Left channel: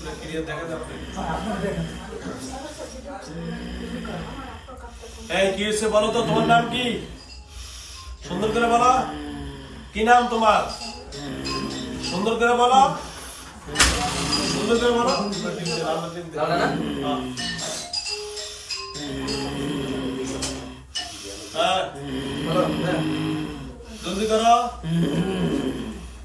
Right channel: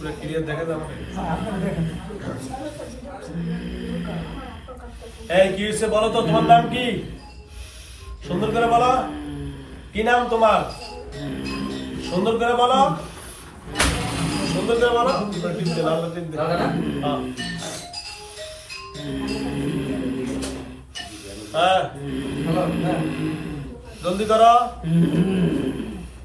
পুরো ক্লিয়ার দেখা যাবে না। এই কি হয়েছে বলো তো, তোমার নাম কি? সুন্দর করে বলো, কি নাম তোমার? সুন্দর করে বলো, সুন্দর করে বলো। হ্যাঁ জলদি করো,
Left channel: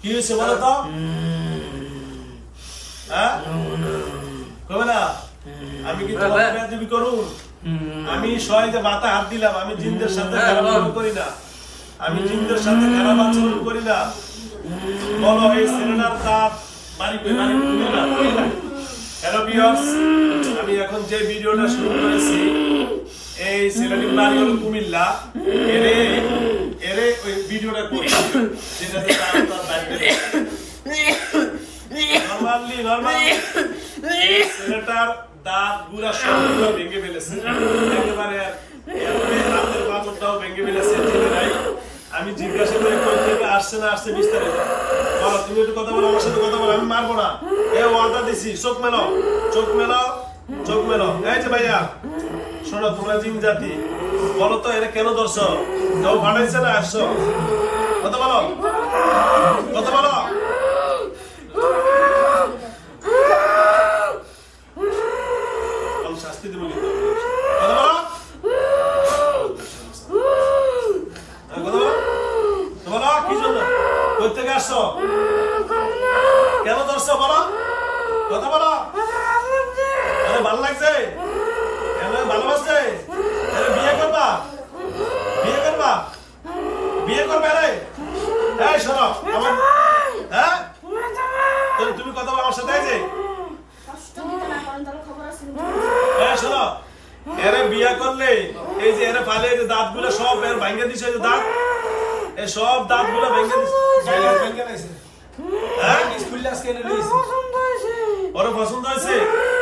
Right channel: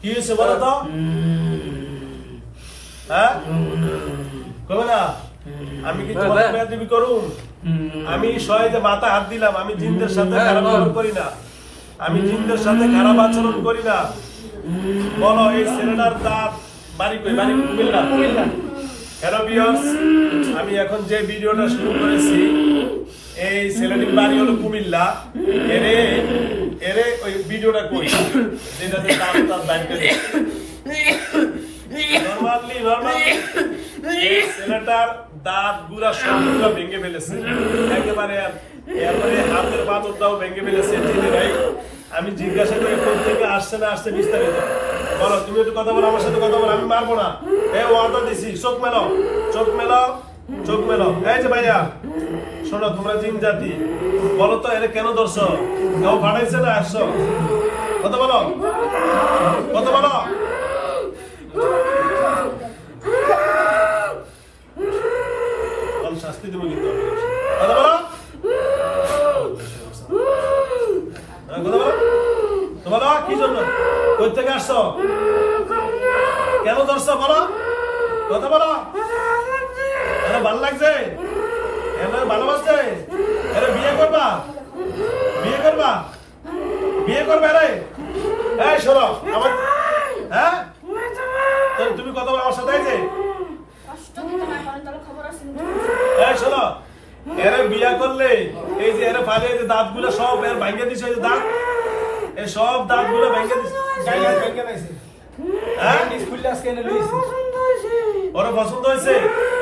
কি হয়েছে বলো তো? হ্যাঁ কবে না? আমি কি তোমার বেয়াদবি করুম? আমি শহীদে মাথা হাত দিলাম। আমি জিনদের সাথে খারাপ ব্যবহার করি না, আমি জিনদের সাথে খারাপ আচরণ করি না। বলো এই ছেলেটার দাঁত বাড়ি কই? বাড়ি কুমিল্লা। হ্যালো ভিউয়ার্স, আমি এখন যে ভিডিওটা শুরু করেছি, এই ছেলেটির বাড়ি হলো কুমিল্লা। এরে এরে ওই ভিডিওটা কই যেটাতে দাঁত বাইরে গেলে নরমালি এই ছেলেটার দাঁত গুলা সবগুলা ভেঙে ফেলেছে একেবারে। এরপরে হাতের পাথরটাও ভেঙে ফেলেছে। জেনে নাই, আমি জিজ্ঞাসা করি কোন থেকে আসছে না আসছে বিস্তারিত। বলো, তুমি একটু কথা বলো, আমার সাথে কথা বলো, আমি মারবো না। এই ওয়ার্ডটা দিছি, চোখ মেলো, চোখ মেলো, চোখ মেলো। এই যে ভাইয়া শোনো, তোমরা জিন জাতি, বলো তো এরা কেন ধরছ? কেউ পাঠাইছে না আসছো? কথা বলো, কথা বলো। শাস্তি দেবো কিন্তু, কথা বলো, কথা বলো। তো বলো কি জন্য, কই থেকে আসছো, কেন ধরছো বলো, কথা বলো। আরে ভালো লাগছে, ভালোবাসছে, আরে বিয়ে করবা, বিয়ে করবা, বিয়ে করবে? আরে এই শোনো আমার, হ্যাঁ তুমি কথা বলো আমার সাথে। এই শোনো, এরে বিয়া করলে এই যে এরে ফালে যে দাঁত গুলো সব ভাঙ্গে দিছে, যে দাঁত, এই সব দাঁত গুলো ভেঙে দিছে। ওরা পছন্দ হয়েছে?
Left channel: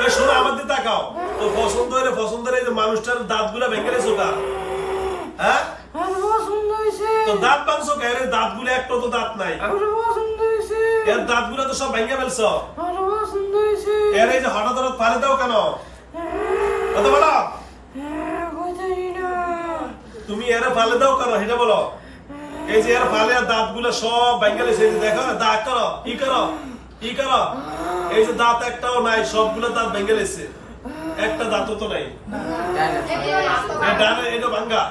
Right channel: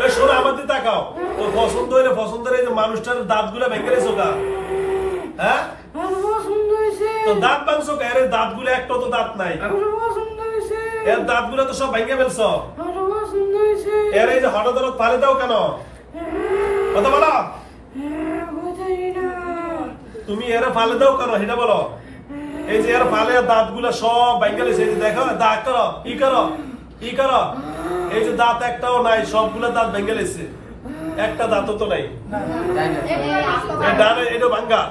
এই শোনো আমার দিকে তাকাও তো, পছন্দ হইলে পছন্দ হলে মানুষটার দাঁত গুলো ভেঙে দিয়েছো কা? হ্যাঁ তো দাঁত ভাঙছো কা? এর দাঁত গুলো একটা তো দাঁত নাই, এর দাঁত গুলো তো সব ভেঙে ফেলছ। এর এই যে হঠাৎ হঠাৎ ফালে দাও কেন? কথা বলো, তুমি এর ফালে দাও কেন সেটা বলো। এই যে এর ফালে দাঁত গুলা সব ভেঙে গেছে, দেখো দাঁত করো, ই করো, ই করো। এই যে দাঁত একটাও নাই, সবগুলা দাঁত ভেঙে গেছে, একটা দাঁতও তো নাই। এটা ভাঙ্গা।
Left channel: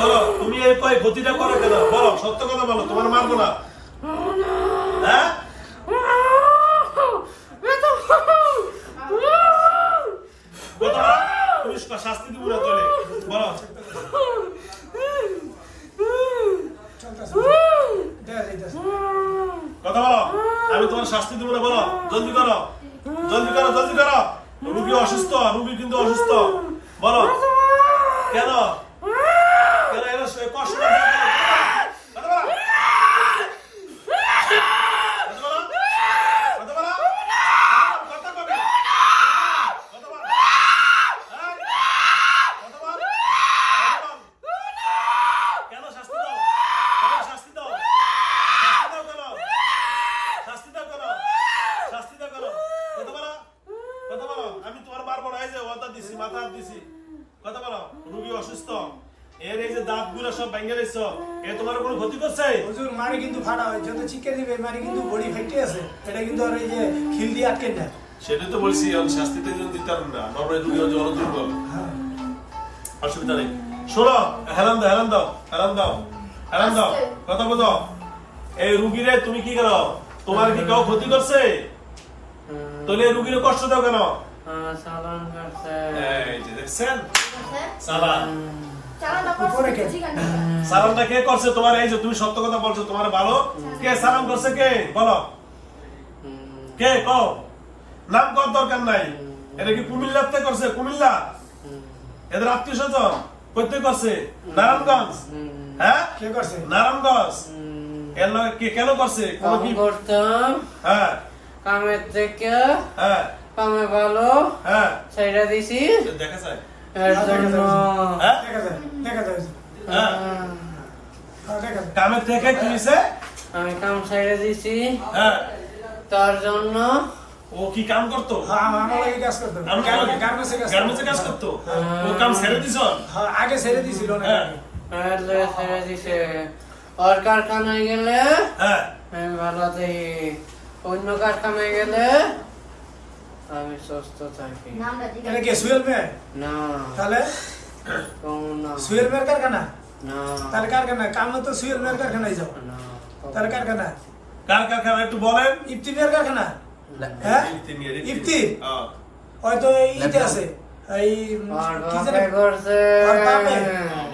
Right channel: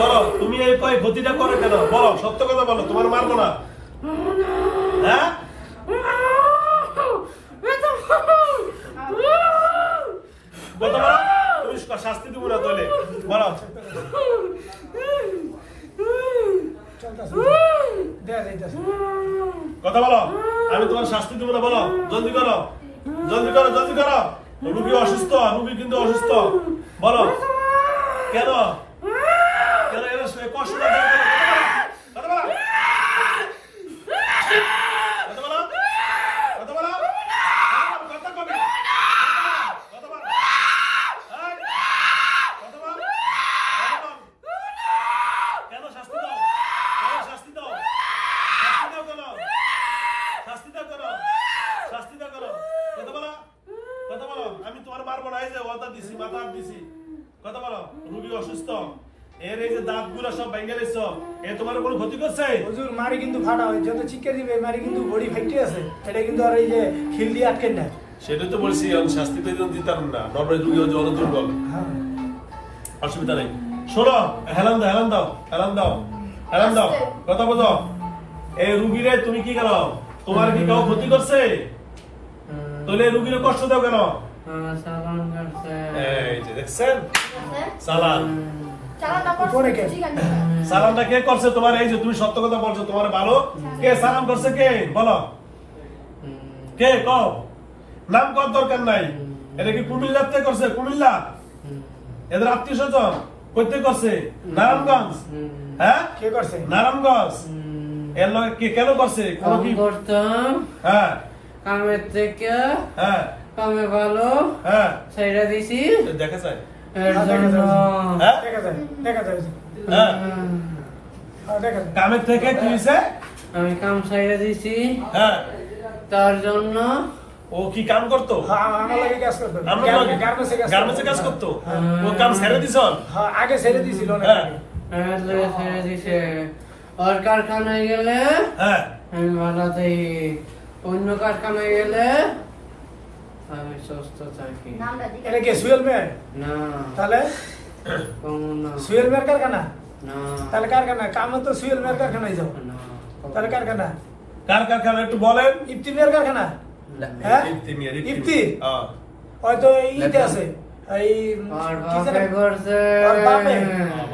বলো তুমি এই ক্ষতিটা করো কেন? বলো, সত্য কথা বলো, তোমার মারবো না। হ্যাঁ তুমি শাস্তি দিব না তাহলে বলো, কথা বলো। আমি তোমার শাস্তি দিব না, বলো, জলদি করো, জলদি করো, জলদি করো। রুগী অসুস্থ, রুগী কিন্তু অসুস্থ। বলো কেন, কেন কষ্ট আমি তোমার মারবো না। এই যে ওয়াদা দিছি, মাথা দিছি, কথা বলো। রুগী অসুস্থ, এর এই যে দাঁত গুলা সব ভেঙে গেছে, এ তোমার কোনো ক্ষতি করছে? হুজুর মারি কিন্তু ফাটা হয়, যত চিকে দিবে মারি কিন্তু বডি ফেটে আছে, এটা কিন্তু আর এই যে খিল দিয়ে আটকে না। সেটাই তো বলছি, আমি শাস্তিতে দিতাম না। নর্মাল রুগী জল দুর্বল, অসুবিধা নেই। শোনো, হেলান দাও, হেলান দাও, হেলান দাও, হেলান দাও, কথা বলো। এই রুগীরে তুমি কি করো? তোমার কি কেউ ক্ষতি করছে? তাহলে রুগীরে কষ্ট দাও কেন? এই যে দেখছেন, সালাম, সালামটা কে করছে তোমার? এই যে তুমি সত্য কথা বলছো, তোমার ভালো কে সালাম করছে? কে বলো, কে কও, নাম কর দরকার নাই। এটা কি কুমিল্লাতে করছে? কুমিল্লা এদের আত্মীয় স্বজন করতে করছে? নারায়ণগঞ্জ, হ্যাঁ কে করছে? নারায়ণগঞ্জ। এর কে কেন করছে? কোন কি করতাম? হ্যাঁ কামের থেকে, হ্যাঁ কামে ভালো, হ্যাঁ সেইটা দিছি দেখা যায়, এর জন্য। হ্যাঁ দেখা যায়, দেখা যায়। হ্যাঁ কামের থেকে কি হয়েছে? আমি কাম ছেড়ে দিছি হ্যাঁ, তার জন্য। ও কি কাম করতো? আমরা গার্মেন্টসে কাজ করতো। ও কাম ছেড়ে দিছ? আগে ছেড়ে দিছিল। হ্যাঁ ছেড়ে দিছে। ওর কারখানায় গেলে হ্যাঁ, আমি ভালো থাকি, অন্য কারখানায় গেলে আমি সুস্থ থাকি। এটা কি সুয়েল মেয়ের? না তাহলে কম না, সুয়েল মেয়ের কারখানা? না তাহলে কারখানা কাম তো সুয়েল মেয়ের কারখানায় যাও। না। তাহলে কারখানা কার কারখানা একটু বলেন। ইফতি মেয়ের কারখানা? হ্যাঁ ইফতি হ্যাঁ। হয়তো ইতে আছে এই ওর কি বাপে জানি- করছে, ওর বাপে?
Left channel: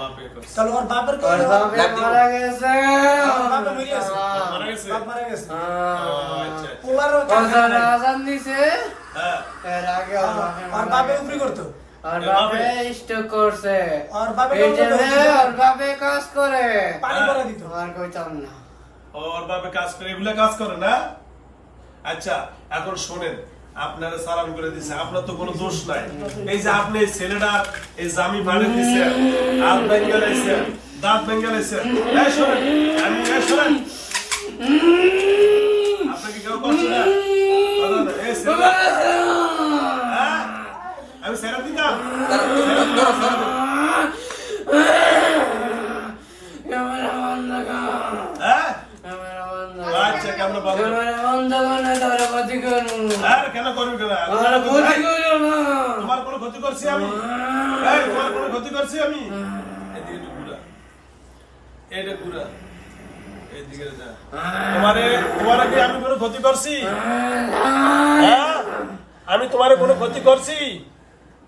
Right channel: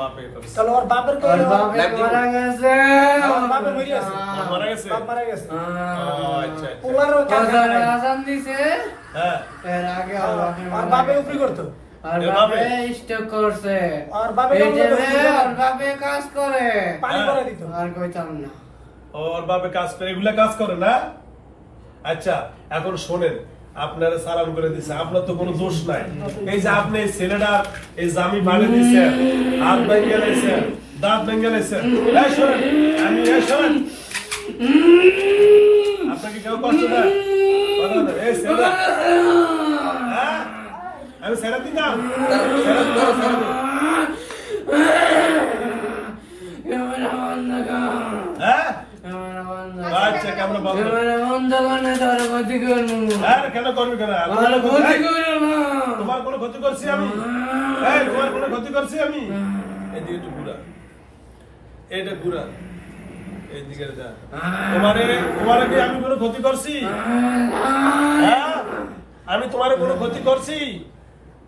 বাপে করছে। তাহলে ওর বাপের ওর বাপে মারা গেছে। ওর বাপে বেরিয়ে আছে। মারা গেছে? ওর মারা গেছে। ও, আচ্ছা আচ্ছা। ওনারও ওর কারখানা নাই। আজান দিছে, হ্যাঁ, এর আগে ওর বাপে ওর মারা বাপে গেছে। উপরি করতো। ওর এর বাপে বাপে? স্ট্রোক করছে। ওর বাপে এই যে কোনো মেয়ে, ওর বাপে কাজ করে, পানি করে দিত। আর কইতাম না। ওর বাপে কাজ করে, এগুলা কাজ করে না? আচ্ছা, এখন শোনেন, আপনারা সালাম করে দিচ্ছে, আপনার তো কোনো দোষ নাই। এই যে আপনি এই ছেলেটার এই জামি বাড়ি দিচ্ছেন, হাত ভেঙে লাইছেন, দাঁত ভেঙে লাইছেন। এই শোনেন, এই শোনেন, আপনাকে কেউ কষ্ট দেয়? কথা না, এই ছেলেটা, হ্যাঁ? আমি ছেড়ে দিতাম? ছেড়ে দিতাম, ছেড়ে দিতাম। ক্যামেরা বন্ধ কর, হ্যাঁ? ক্যামেরা বন্ধ কর। আচ্ছা, ক্যামেরা বন্ধ। ক্যামেরা বন্ধ করলে তোর ক্ষতি করবো। হ্যাঁ, কেন করবি কেন? আর ক্ষতি করবো না। তোমার কোনো ক্ষতি করছি আমি? এই, তোমার কোনো ক্ষতি করছি আমি? এদিকে একটু ঘুরা, এইটা ঘুরা, এইদিকে যা। তোমারে কি আমি কোনো ক্ষতি করছি? হ্যাঁ? আমি তোমার কোনো ক্ষতি করছি?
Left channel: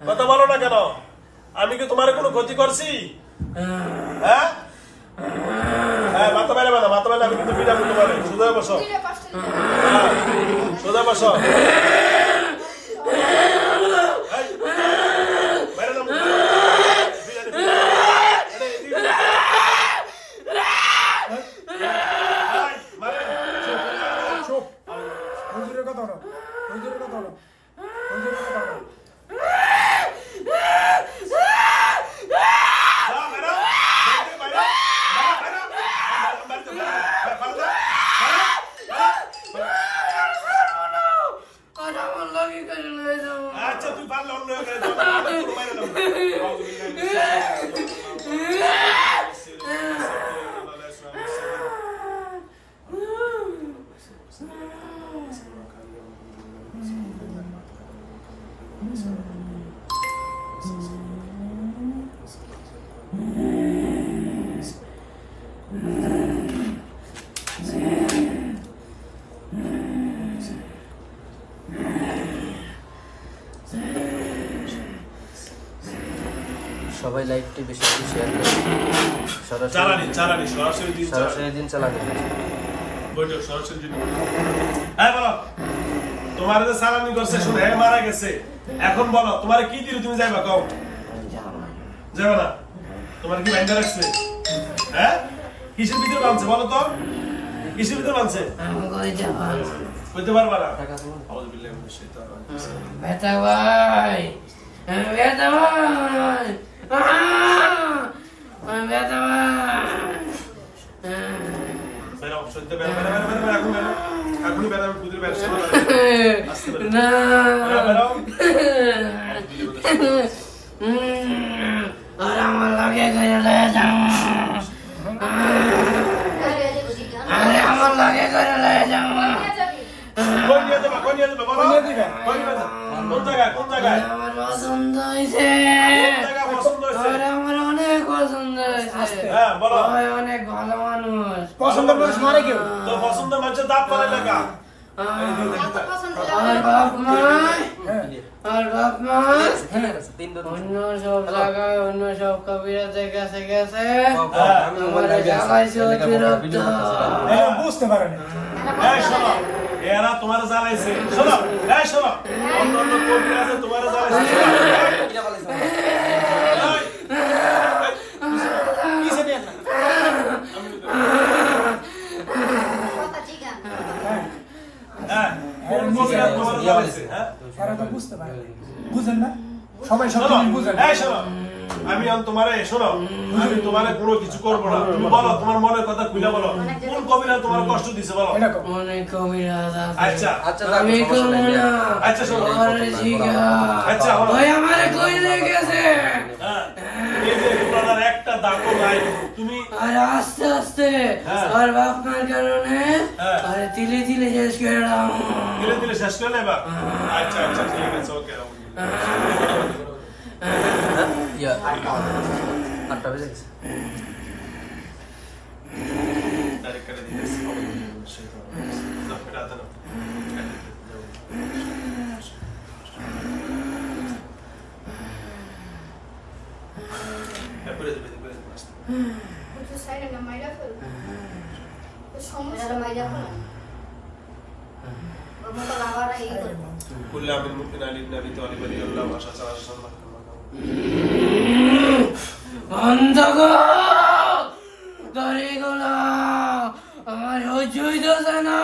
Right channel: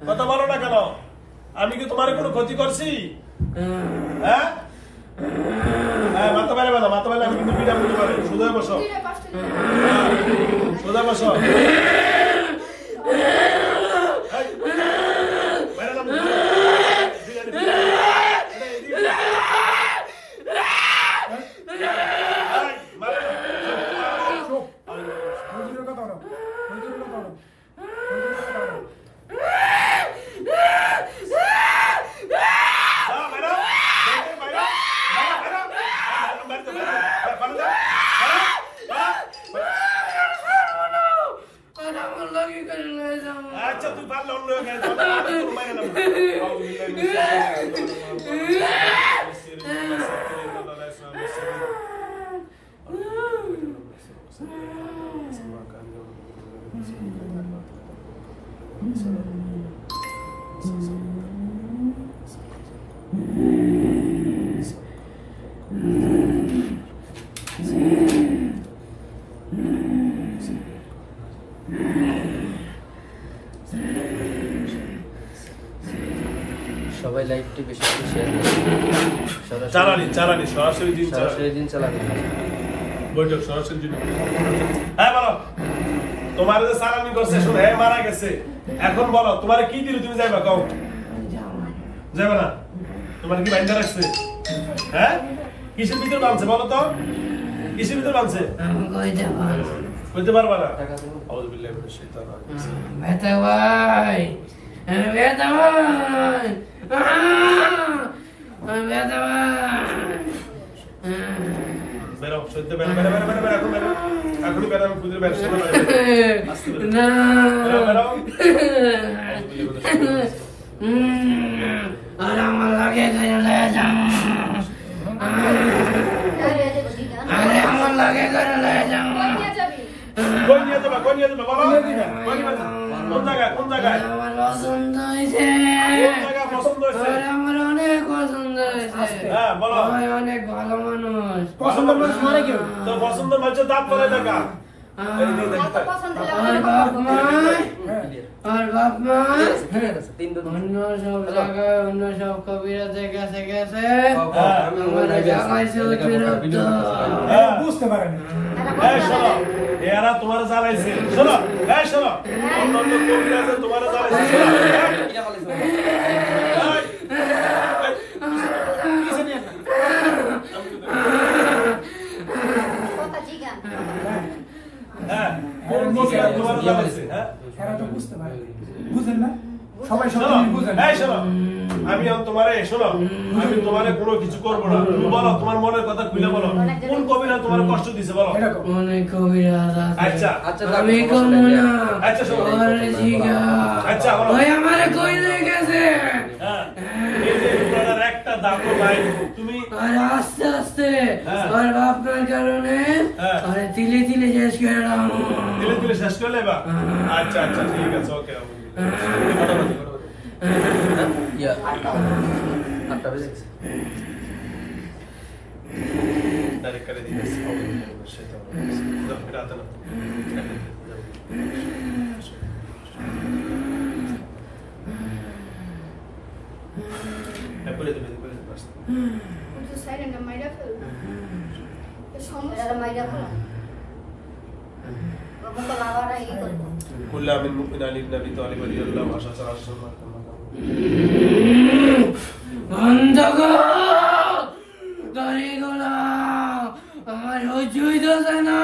কথা বলো না কেন? আমি কি তোমার কোনো ক্ষতি করছি? হ্যাঁ? হ্যাঁ, মাথা বাইরে না, মাথা বাইরে আমি কিন্তু বিরাট করে বলে। সোজা বসো, সোজা বসো। এই, বাইরে নামো। বিরাট করে। আরে, এদিকে বসো। এই, মারে না। চুপ। হুজুরের কথা বলো। হুজুরের কথা বলো। হুজুরের কথা বলো। যা, বাইরে। বাইরে, বাইরে। বাইরে, বাইরে। বাইরে, বাইরে। বাইরে, বাইরে। আর আমার লাগে করে লয়ে যাবো। আচ্ছা, তুই পারলে অন্য জায়গায় যাও। তোর মাইরে নাম। সবাই লাইভটি বেশি বেশি শেয়ার করুন। চালানি সরাসরি দিন চালানি। সরাসরি দিন চালাবেন। বৈঠক সরাসরি দিন। হ্যাঁ, বলো, তোমার যে চালানি করছে শুনে হ্যাঁ মারা গেছে, এখন বলো তোমার কি দিল, তুমি যাইবা কও? যাবে না? তোমার কি বাইন্দা রাখছে? হ্যাঁ, কিসের ভিতরে বানছে বলো তো? কিসের ভিতরে বানছে? আমি কইতে পারবো। বলতে পারবা না? আউযুবিল্লাহি মিনাশ শাইতানির রাজিম। ব্যথা ভাই, আমি ব্যথা ভাই, আমি ব্যথা ভাই। বেরো, সইতে বেরো, বেরো, বেরো, বেরো, বেরো, এখন বেরো। এখনই বেরো, আমি খুঁজে বেরো, সামনে বেরো। আস্তে বেরো। না, বেরো, বেরো। আউযুবিল্লাহি মিনাশ আর আমার লাগে করে লয়ে যাও। আরে আমার লাগে করে লয়ে যাও। কই নিয়ে যাবা, কই নিয়ে যাবা বলো? কই নিয়ে যাবা? কোন জায়গায়, কোন জায়গায়? আমার পছন্দ হয়েছে, কোন জায়গায় পছন্দ হয়েছে? আমার অনেক পছন্দ হয়েছে। হ্যাঁ, বলো। সবাই অনেক ভালো মানুষ। পছন্দ মানুষ মারে কেউ? তো পছন্দ মানুষের দাঁত পারে লেখা। এই দিয়ে দেখতে। আর বাপ মা, আর বাপ মা তিন অন্য সব জায়গায়, অন্য সব কবিরাজের কাছে গেছে। হ্যাঁ, আমাদের জ্বালাইছে অতিরিক্ত। হ্যাঁ। বুঝতে পারেন। এই শোনো, এরা তোমার জ্বালাইছে। শোনো, এই শোনো, অন্য অন্য কবিরাজে তোমার জ্বালাইছে। শোনো, এই, এই, কিসে নিয়ে হ্যাঁ, কোন কবিরাজ তোমার জ্বালাইছে? হ্যাঁ, এরা তো বুঝতে পারে। বুঝেন না? সবাই শোনো, সবাই বুঝেন। এই শোনো, আমি এখন তোমার তোমারে শোনো, আমি তোমারে কোনো কিছু করবো না। তুমি বলো তোমার মনের কথা খুলে বলো, কোন কবিরা তোমার কষ্ট দিছে বলো। অনেক কবিরাজ আছে। আচ্ছা আচ্ছা আমি করবো না। আচ্ছা শোনো, আরে জিগা। আচ্ছা বলো। ওই আমারে কইলে গেছে। হ্যাঁ, এই যে তোমার একটা দাগও নাই, তুমি আরে আস্তে আস্তে হ্যাঁ। আর বাপ মার কারণে হ্যাঁ। আরে তিলে তিলে শেষ করে দাও। ধীরে ধীরে শেষ করে নেবা। আচ্ছা আচ্ছা ঠিক আছে, ওকে। ইয়া 8টা বেজে গেছে। ডাইরেক্ট করে দিতেছি। সেটা দাও, এটা হাতে নাও। এরপরে তুমি এরপরে আসতে। কুল্লা মিন মুমিন আলী নবী তালিব আলী আল্লাহ ভাষা ছাড়া সম্মান অন্ধকার তরিগুলো আমার সহ্য হইতেছে না।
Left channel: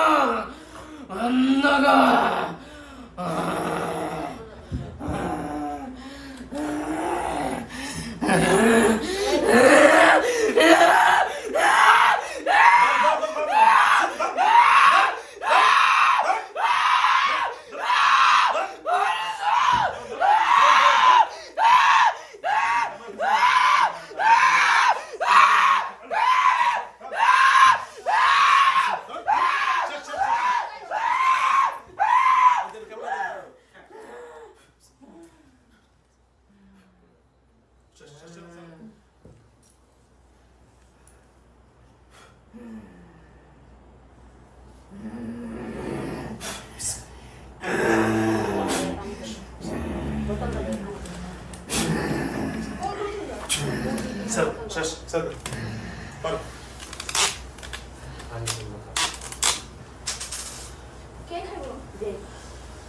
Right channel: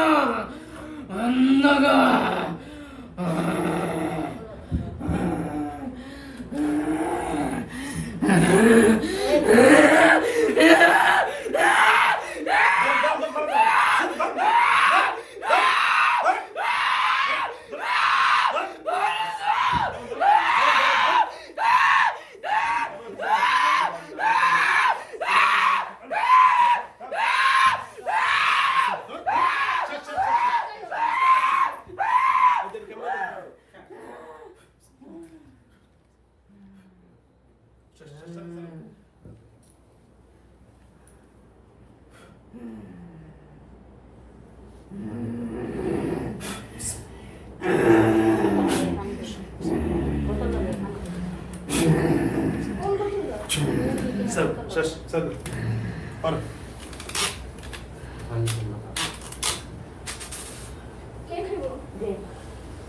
অন্ধকার স্যার স্যার স্যার পারো।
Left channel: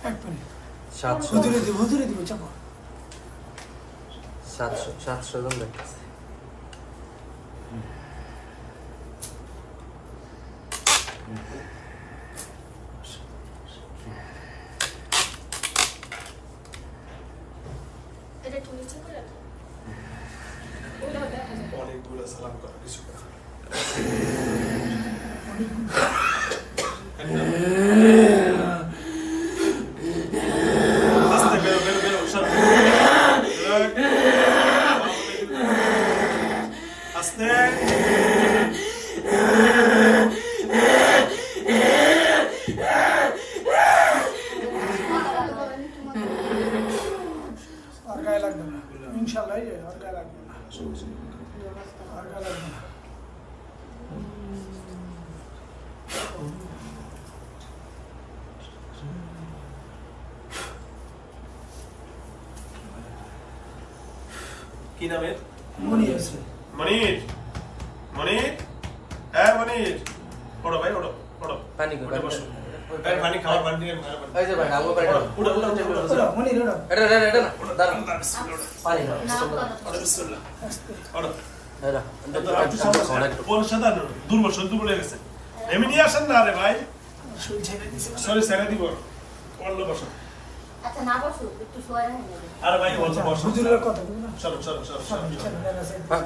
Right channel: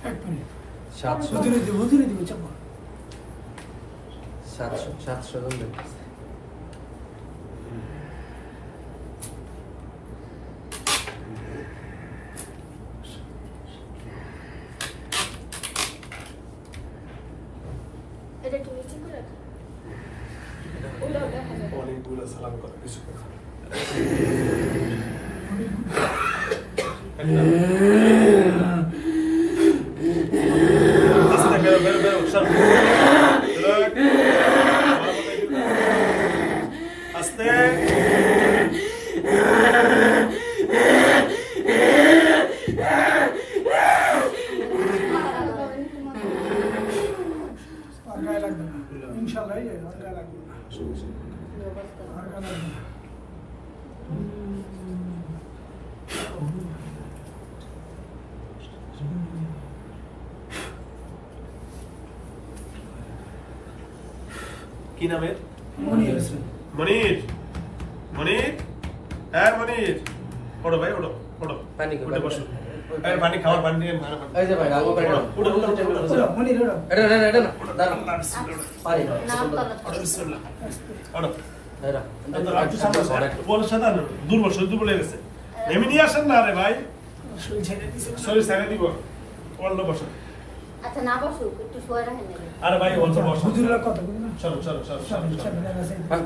এক মিনিট 700 হুজুরে দিব চাপো 700 জন লোক। অনেকগুলো সালাম করো, কিছু কথা। আস্তে বেরো বেরো বেরো সর। আস্তে আর গায়ে লাগবে না ইনশাআল্লাহ এই যাবে আর গায়ে লাগবে না আর গায়ে লাগবে না। কি নামের? মনে আছে মনির। মনির, হ্যাঁ মনির, ওঠো ভাই, ওঠো ওঠো, পানি উঠে বসো। এই পানি খাও, পানি দিয়ে ভালো করে। এই যে ভাই আলু পানি। উঠো, উঠো, উঠো, উঠো, উঠো। ওরা মনে রে এটা না দাঁড়া আল্লাহ বিসমিল্লাহ, পানি না। ওঠো বিসমিল্লাহ, ওঠো। দাঁড়া একটু সামনে আসো, একটু বল সাদা দুর্বল, শরীর দুর্বল হয়ে গেছে। এমনি নিয়ে আসেন না রে ভাই, শরীর ছেড়ে দিছে শরীর ছেড়ে দিব। অন্য বসো। আচ্ছা না বসো একটু শোয়া রাখেন আরে ভাই বলছো বসো। হুজুরের কথা বলুন না চলো চলো চলো চলো চলো।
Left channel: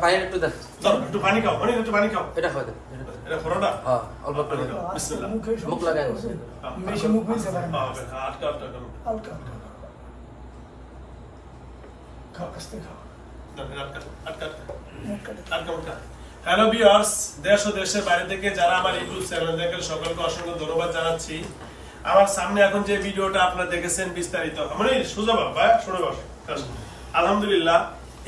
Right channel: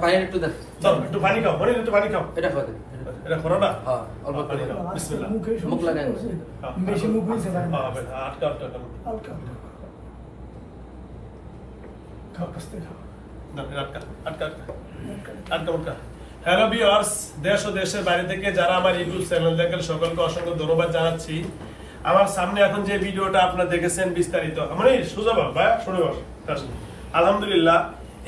পানি একটু দেখ। চলো একটু পানি খাও, মনির একটু পানি খাও। এটা খাওয়া দে। এটা করো না। হ্যাঁ অল্প পানি করে খাও, বিসমিল্লাহ। মুখ লাগাই না। বেশি মুখ হয়েছে না আটকা আটকা করো। হালকা খাও কাস্তে খাও না, আটকা আটকা আটকা আটকা আটকা। হ্যালো ভিউয়ার্স, দেশ ও দেশের বাইরে থেকে যারা আমার ইউটিউব চ্যানেল দেখেন সকলকে অসংখ্য ধন্যবাদ জানাচ্ছি। আমার সামনে এখন যে ভিডিওটা আপনারা দেখেছেন বিস্তারিত, মানে সোজা বাবা শুনে বস। আলহামদুলিল্লাহ,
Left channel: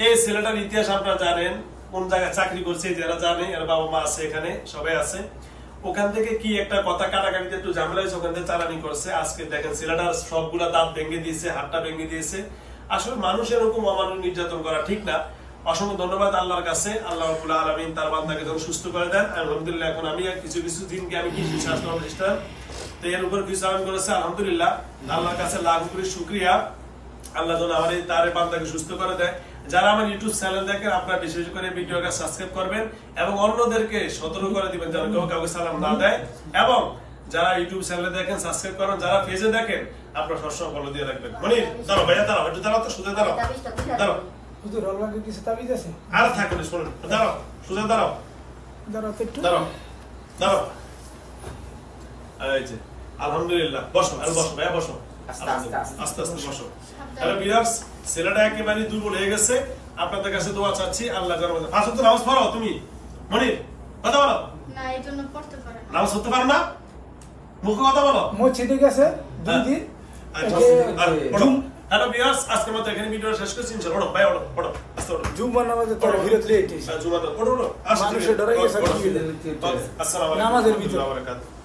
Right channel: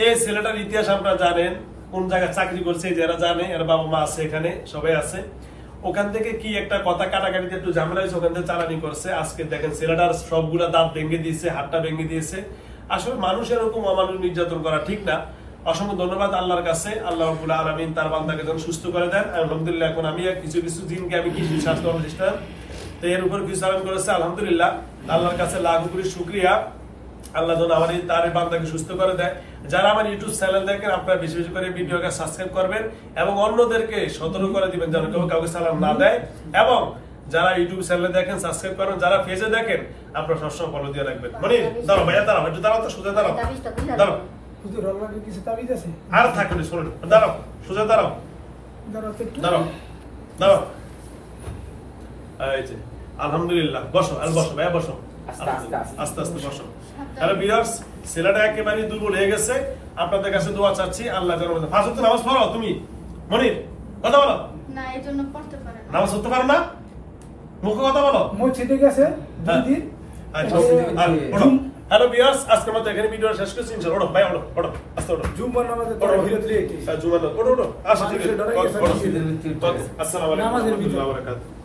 এই ছেলেটার ইতিহাস আপনারা জানেন, কোন জায়গায় চাকরি করছে যারা জানে, এর বাবা মা আছে, এখানে সবাই আছে। ওখান থেকে কি একটা কথা কাটাকাটিতে একটু ঝামেলা হয়েছে, ওখান থেকে চালানি করছে। আজকে দেখেন ছেলেটার সবগুলা দাঁত ভেঙে দিয়েছে, হাতটা ভেঙে দিয়েছে। আসলে মানুষের এরকম অমানুষ নির্যাতন করা ঠিক না। অসংখ্য ধন্যবাদ আল্লাহর কাছে, আল্লাহ রাব্বুল আলামিন তার বান্দাকে যেন সুস্থ করে দেন। আলহামদুলিল্লাহ, এখন আমি কিছু কিছু দিনকে আমি কৃষি স্বাস্থ্য প্রতিষ্ঠান তো এর উপর কিছু আবেদন করেছে। আলহামদুলিল্লাহ, আল্লাহর কাছে লাখ কোটি শুকরিয়া। আল্লাহ যেন আমার এই তার বান্দাকে সুস্থ করে দেয়। যারা আমার ইউটিউব চ্যানেল দেখেন, আপনারা বিশেষ করে ভিডিওকে সাবস্ক্রাইব করবেন এবং অন্যদেরকে সতর্ক করে দিবেন যেন কেউ কাউকে সালাম না দেয়। এবং যারা ইউটিউব চ্যানেলে দেখেন সাবস্ক্রাইব করবেন, যারা পেজে দেখেন আপনারা সবসময় ফলো দিয়ে রাখবেন। মনির দাঁড়াও ভাইয়া, দাঁড়াও একটু, দাঁড়াও তো, সোজা দাঁড়াও, দাঁড়াও হুজুর আল্লাহকে কিছু তাবিজ আছে আর থাকবে শোনো, দাঁড়াও, সোজা দাঁড়াও, দাঁড়াও তো একটু দাঁড়াও, দাঁড়াও। এই যে, আলহামদুলিল্লাহ, বসো, আর বসো, ভাইয়া বসো। আস্তে, আস্তে, আস্তে। আস্তে আস্তে বসো। তাহলে ভিউয়ার্স, ছেলেটা একেবারে দুর্বল হয়ে গেছে। আপনাদের কাছে দোয়া চাচ্ছি, আল্লাহ যেন আমাদের- পাঁচ ওয়াক্ত নামাজ পড়ো তুমি? মনির, কথা বলো। না এই জন্য পড়তে পারে না। নামাজ পড়তে পারো না? মুখে কথা বলো। মসজিদে গেছে দুই দিন আচ্ছা, এই আর ওঠো। হ্যালো ভিউয়ার্স, আজকের মতো এখানে ভিডিও শেষ করছি। ইনশাআল্লাহ, ওঠো ভাই, ওঠো, ওঠো, আস্তে ওঠো। জুম্মার নামাজে ওঠো, ভিড় লেট জুমা দাও, ওঠো, ওঠো। আসো, ঠিক আছে, মানুষের ডরাই গেছে, ওঠো। মসজিদে। আসসালামু আলাইকুম নামাজের ওয়া ভিতরে। রাহমাতুল্লাহি ওয়া বারাকাতুহু।